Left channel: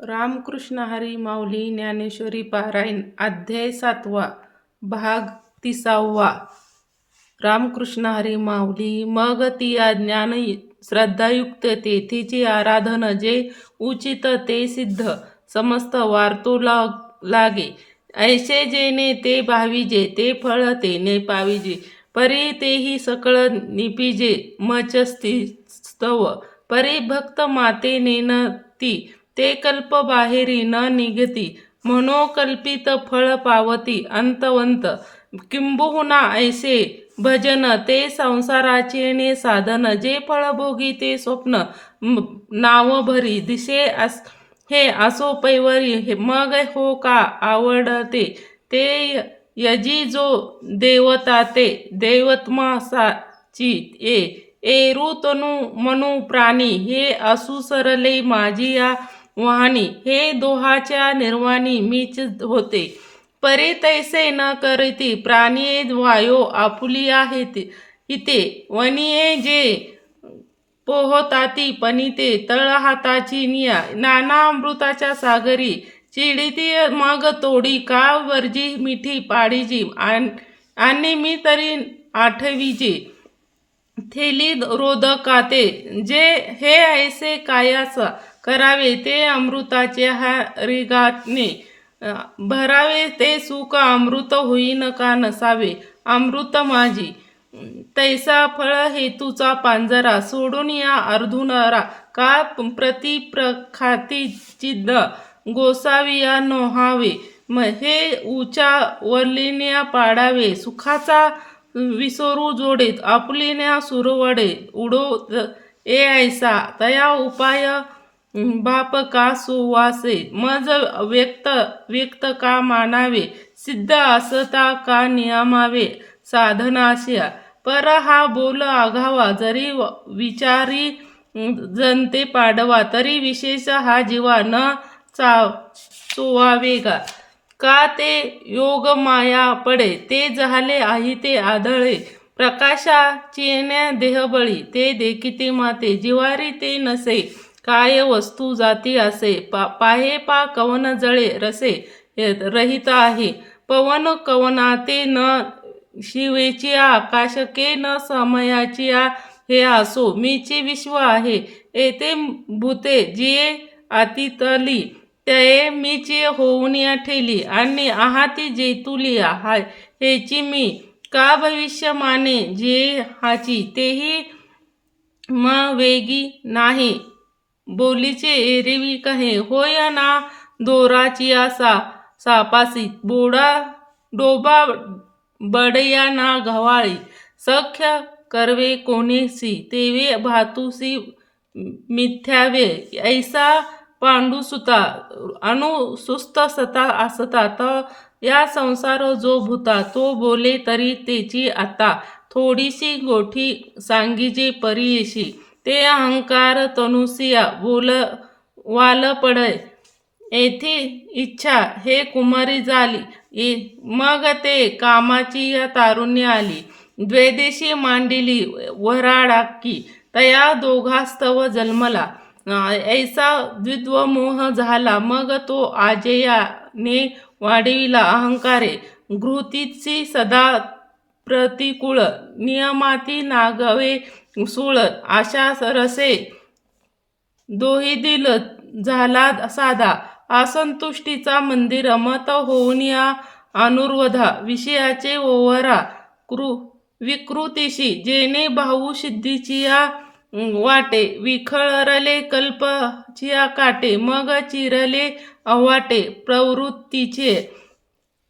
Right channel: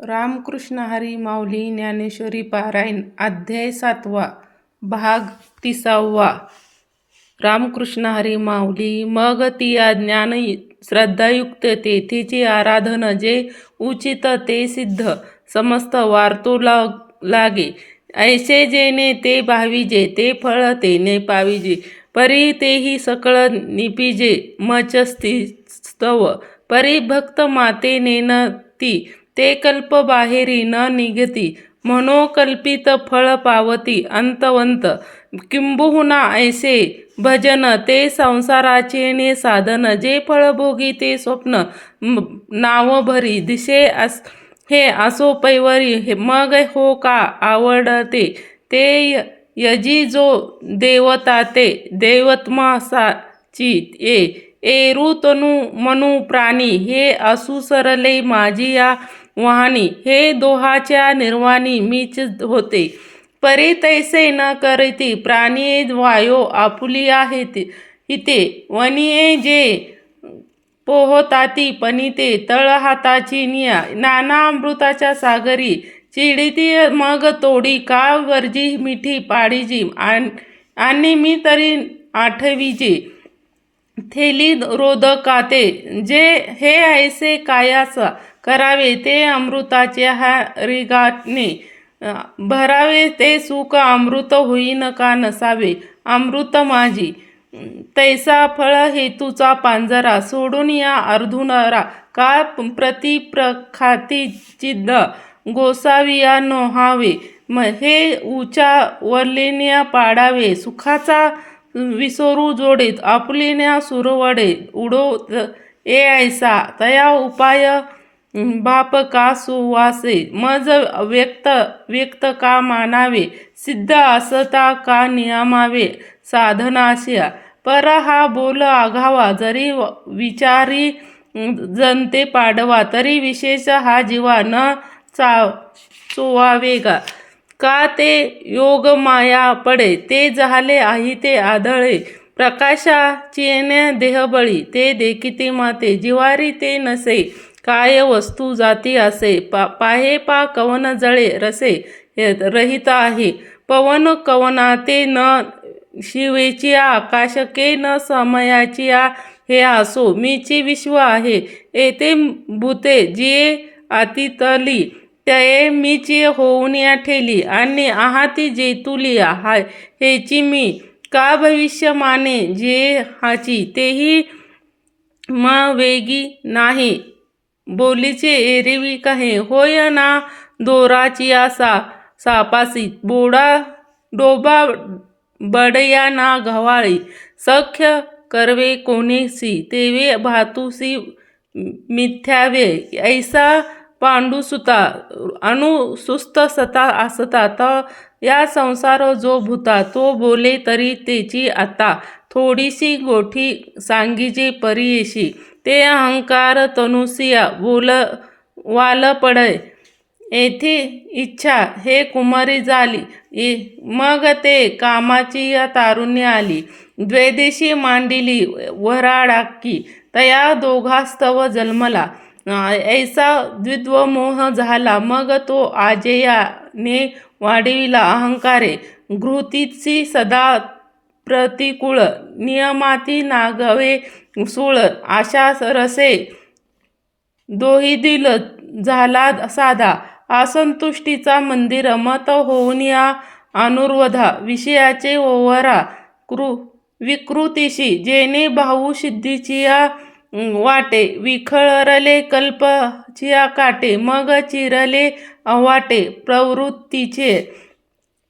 रामकृष्ण हरी माऊली ज्ञानेश्वरी पारायण अध्याय 7 भाग 30. रामकृष्ण हरी माऊली. मग ती ज्ञान श्रद्धायुक्त तेथेची आराधन जे उचित ते सिद्ध समस्त वार्तो लागे. ऐसे जेणे ते भाविजे ते फळ तेने पाविजे. परी तेही सकळ निपिजे मच स्तव. परी भक्त मातेने न ती ते कल्प बाहेरी न निघती. मनोकल्पित फळ पावती अंतवंत. किंबहुना ऐसे भजन ते संसाराचे साधन. जे फळ भोगी ते स्वप्न नाव भरी दिसे हे असो पैवरी. मग हो का आवडते ते यजी जो देवता ते दैवत्मासाची एरू तनु मनु प्राणी. हे असू सरले माझी या वाहनी. हे दोहाच्या निर्वाणी मीच होते. परी तैसे न करीती प्राणिये वायो आपुलिया हिते. वनिये जे पोहताती पनिते तळ हाताची निया. नाना अमृताच्या सागरी चिडिती मग तोडी. का वर्जी मिठी पाडीजी आणि मी तरी आठवीजी. थेली रोदकाते जे हे ऐसे कायास करावे ते अमृताच्या रिगाने भरावे. ते सुख अमृत होईन का नसावे अमृत माझी. तैसा फळ हेतूचा पांजरा सोडून या अर्धुनरा. का प्रतिप्रखाती चिद्द गोसाविया नोहावे. हे उचा वलिन्या पाडावे. सुखाचा विसरू जोडेत आपुलिन्या सुरवडे उडो. ए ऐसा तया उपाय बाप का सुवासे. मज व्यक्त का मानावे. सिद्ध असता का नियमावे साधनाशया. पर हा बोल आघावा जरी विचारी जनते पाडवा. तरी विशेष हा जीवा न चोवावे गा. का ते योग माया पडे ते झाले आहे ते आढळे. प्रकाशा चेण्या देहबळी ते देखिते माते. जिवारी ते नसे काय वस्तू जाती असे. पाहे पा कवन जळे रसे रहित आहे. पवन कवनाते न शिवेची आकाश के न समयाची हे असो मीची विश्व आहे. येथे भूते जिये अतितली तये मीची होऊन या ठेली. आणि आहाती जेतुली हेची मी. का भविष्य माने जे हाची तेही म वेगी नाही. बोलीचे एरवी कहे होय ना दोराची सापासी. डोबा बडया ना गव्हाळी. सख्य करवे कोणीसी तेवे भातुसी मिथ्यावे. ऐसा पांडुसुता अनुसुस्त सता असता. त या संसार जो भूता तो बोले तरी तेची आता. थोडीशी गोठी सांगीजे परीयेशी. ते अहंकार तनुसिया वाल पडे. येथे इच्छा हे कुमारी झाली. मग ते कामाची तारुण्य आली. द्वेदेशी मांडिली वराडाकी. तया दोघास्तव जन्मला. ऐसा द्विद्वमोह झाला. मग तो आजेयाने वाढविला अहंकारे. घृतीची सदा प्रतिकूळ. नियमाती नागवे सूळ. आशा रसे दोहिदिल झाला साधा. असंतुष्टीचा मंदिर मत होऊन या अनुर्वधा. विषयाचे ओवरा विकृतीशी जेणे भाऊ सिद्धीची वाटे. विखरले कल्पचिया काटे. मग चिरले अवाटे प्रवृत्तीचे.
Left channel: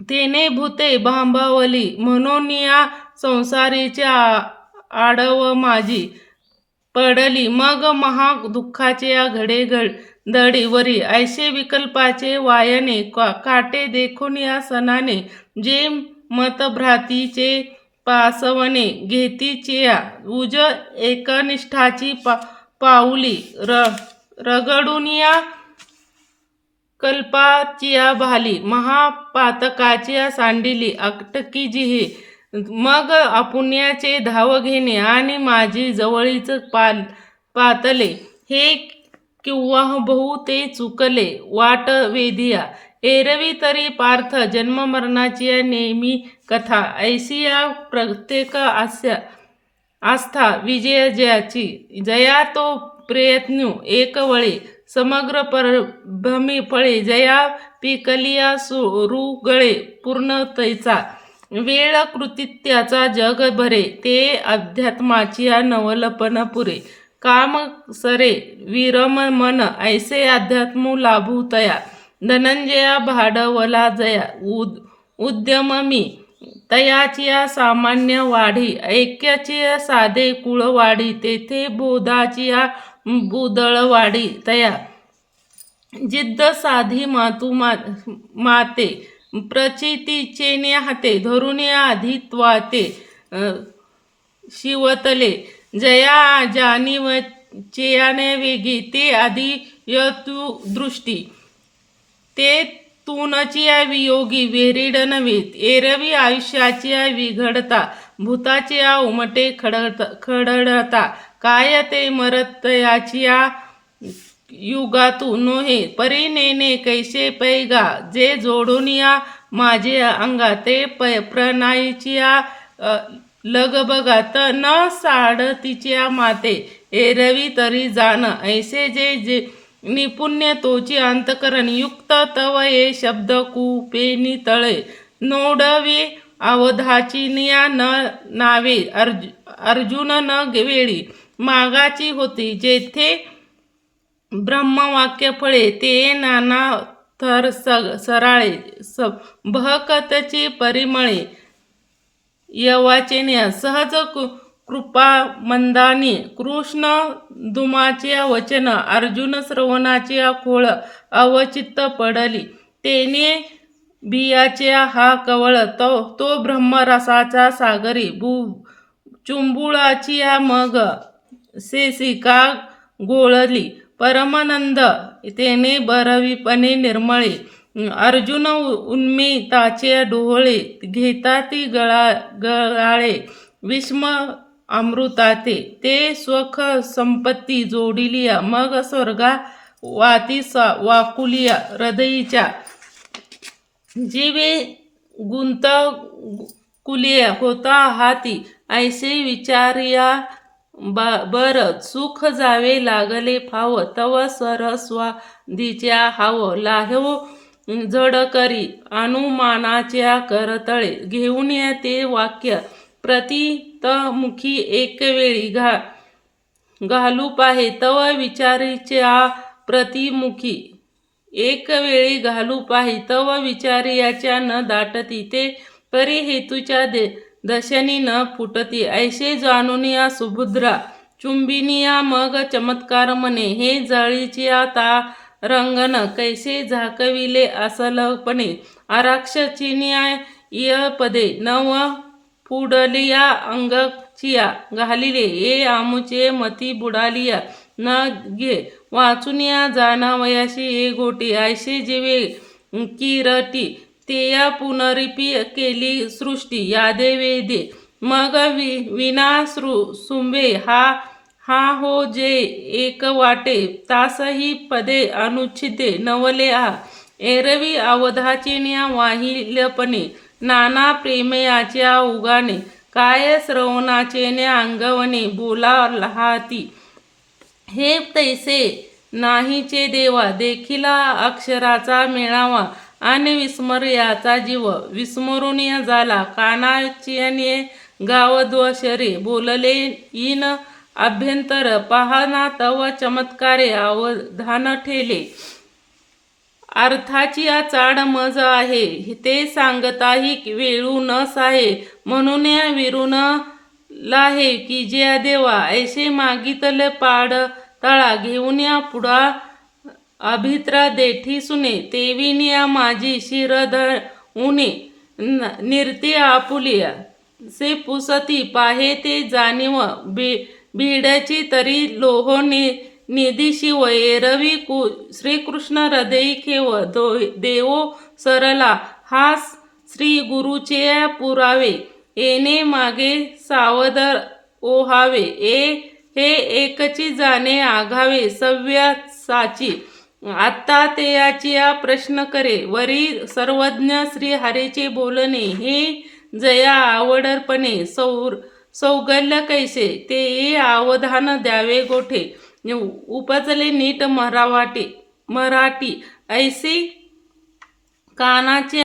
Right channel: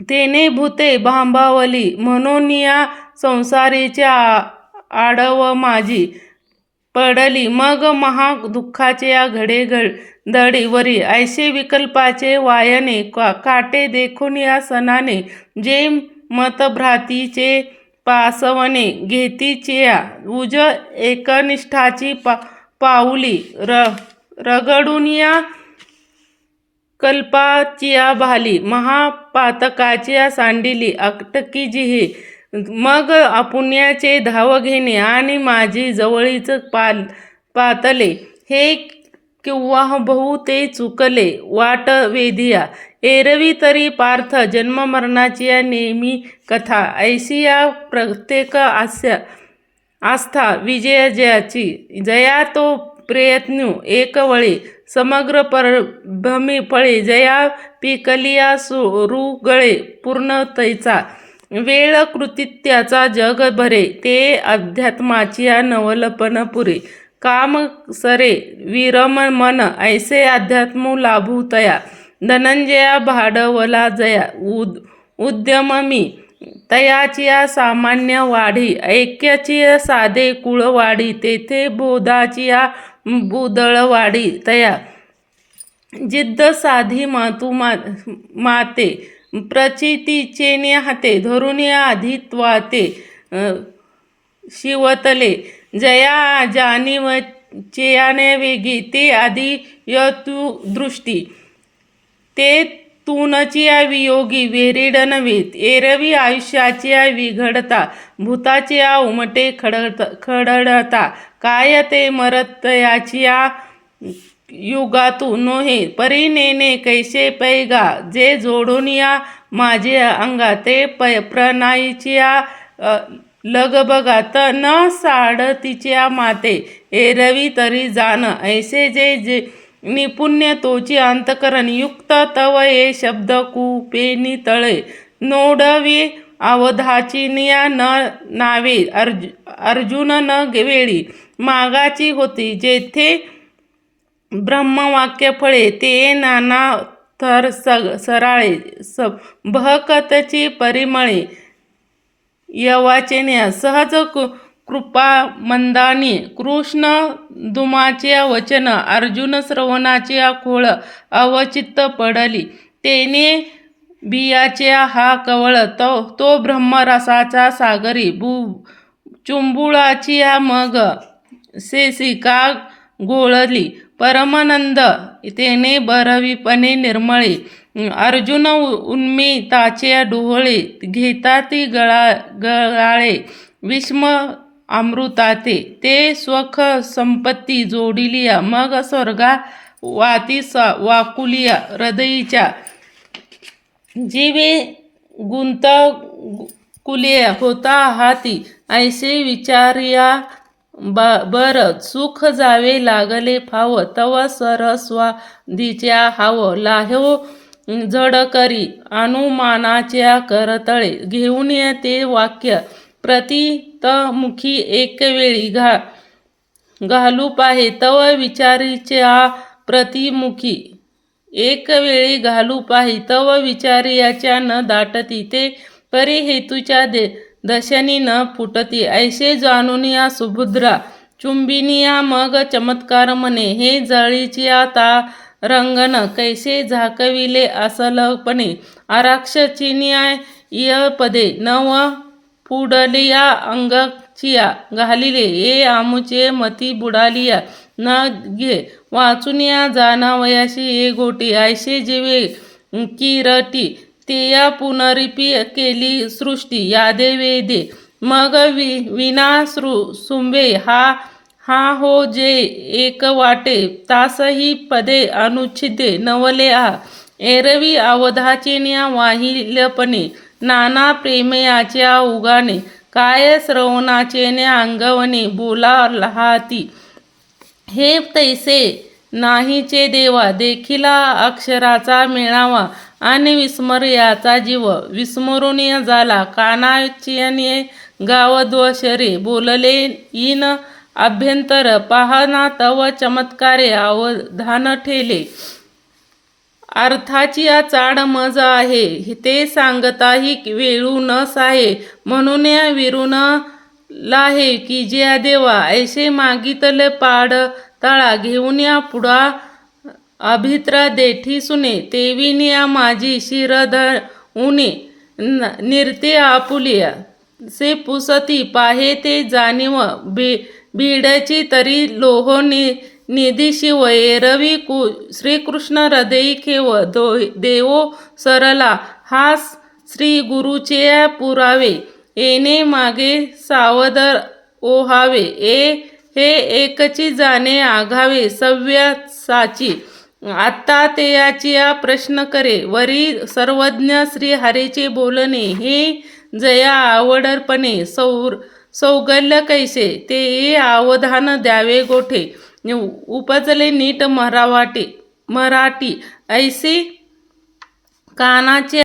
तेने भूते भांबावली म्हणून या संसारीच्या आडव माझी पडली. मग महा दुःखाचे घडेदडीवरी ऐसे विकल्पाचे वायने काटे देखून या सणाने. जे मतभ्रातीचे पासवणे घेतीचिया उज एकनिष्ठाची पाऊली. रगडून या कल्पाचिया भाली. महापातकाचिया सांडिली अटकी जिहे. मग अपुण्याचे धाव घेणे आणि माझी जवळीच पातले. हे किंवा बहु ते चुकले वाट वेधिया. एरवी तरी पार्थ जन्ममरणाची नेहमी कथा. ऐशी या प्रत्येक आस्था विजयाची. जया तो प्रयत्नू एक वळे समग्र परभ्रमी फळे. जया पिकलिया सुरुगळे पूर्ण तैचा. वेळ कृतित्वाचा जग भरे. ते अध्यात्माची नवलपण पुरे. काम सरे विरम मन ऐसे अध्यात्म लाभू तया. धनंजया भांडवला जया उद्यम मी. तयाची सामान्य वाढी. ऐक्याची साधे कुळ वाढी. तेथे बोधाची बुदळ वाढी तया. जिद्द साधी मातू माते. प्रचितीचे हाते धरून आधित्वाते शिवतले. जया जाणीवचे वेगी. ते आधी यतुदृष्टी. ते तूनची वियोगी वेरीड नव्हे. एरवी आयुष्याची विघडता. भूताची उमटे खडळता. काय ते मरतयाची युगातू नोहे. परी नेणे कैसे पैगा. जे जोडून माझे अंगा. ते प्रणाईची लगबगात न साडतीच्या माते. एरवी तरी जाण ऐसे जे निपुण्य तोची अंतकरण युक्त. तव ये शब्द कुपेनी तळे. नोडवी अवधाची न नावे. अर्जुन न वेळी मागाची होती. जेथे ब्रह्मवाक्य फळे. ते नाना थर सराळे. बहकतची परिमळे. यवाचेने सहज कृपा मंदानी. कृष्ण दुमाचे वचन. अर्जुन श्रवणाचे खोळ. अवचित्त पडली. तेने बियाचे हा कवळ. तो ब्रह्मरसाचा सागरी. चुंबुळाची मग शेषिका घोळली. परमानंद तेने भरवीपणे निर्मळे. अर्जुन उन्मिताचे डोळे. घेता ती गळाळे विषम अमृताते. ते स्वख संपत्ती जोडिलिया. मग स्वर्गा वाती वाकुलिया हृदयीच्या. जीवे गुंतकुलिया होता हाती. ऐसे विचारिया बर सुख जावे लागले फाव. तव सरस्वादीच्या हाव. लाहो जड करी अनुमानाच्या करतळे. घेऊन ते वाक्य प्रतितमुखी एक वेळी घालू पाहे. तव विचारीच्या प्रतिमुखी एक वेळी घालू पाही. तव विचारियाच्या न दाटती. ते परी हेतूच्या दशनी न फुटती. ऐसे जाणून सुभद्रा चुंबिनिया मग चमत्कार म्हणे. हे जळीची रंगण कैसे झाकविले असलपणे. आरक्षचिन्या पदे नव पुडलिया अंगचिया घालिले. ये आमुचे मती बुडालिया न घे. वाचून जाणावयाशी ये गोटी. ऐसे जेवे किरटी. तेया पुनरिपी केली सृष्टी. यादे वेदे मग विना सुंबे. हा हो जे एक वाटे. तासही पदे अनुच्छिदे नवले आ. एरवी अवधाचे वाहिलपणे. नाना प्रेमयाच्या उगाने. काय श्रवणाचे अंगवणे. बोला लहाती हे तैसे नाहीचे देवा. देखिला अक्षराचा मेळावा. आणि विस्मर्याचा जीव. विस्मरून झाला कानाचिने गावद्वशरे. बोलले इन अभ्यंतर. पाहना तव चमत्कारे अवधान ठेले. अर्थाची चाड मज आहे. ते सांगताही वेळू न साहे. म्हणून विरून लाहे की ज्या देवा. ऐसे मागितले पाड तळा. घेऊन पुढा अभित्र देठी सुने. तेविनिया माझी शिरध उने. निर्ते आपुलिया से पुसती. पाहे ते जाणीव बीडची तरी लोह निधी शिव. एरवी श्रीकृष्ण हृदयी खेव. देवो सरला हा श्री गुरुचे पुरावे. येणे मागे सावध ओहावे. हे एकची जाणे आघावे सव्यासाची आता तेयाची प्रश्न करे वरी सर्वज्ञ श्री हरीचे बोलणे हे जया आवडपणे सौगल्य कैसे ते अवधान द्यावे गोठे उपजले नीट मराठी ऐसे कानाचे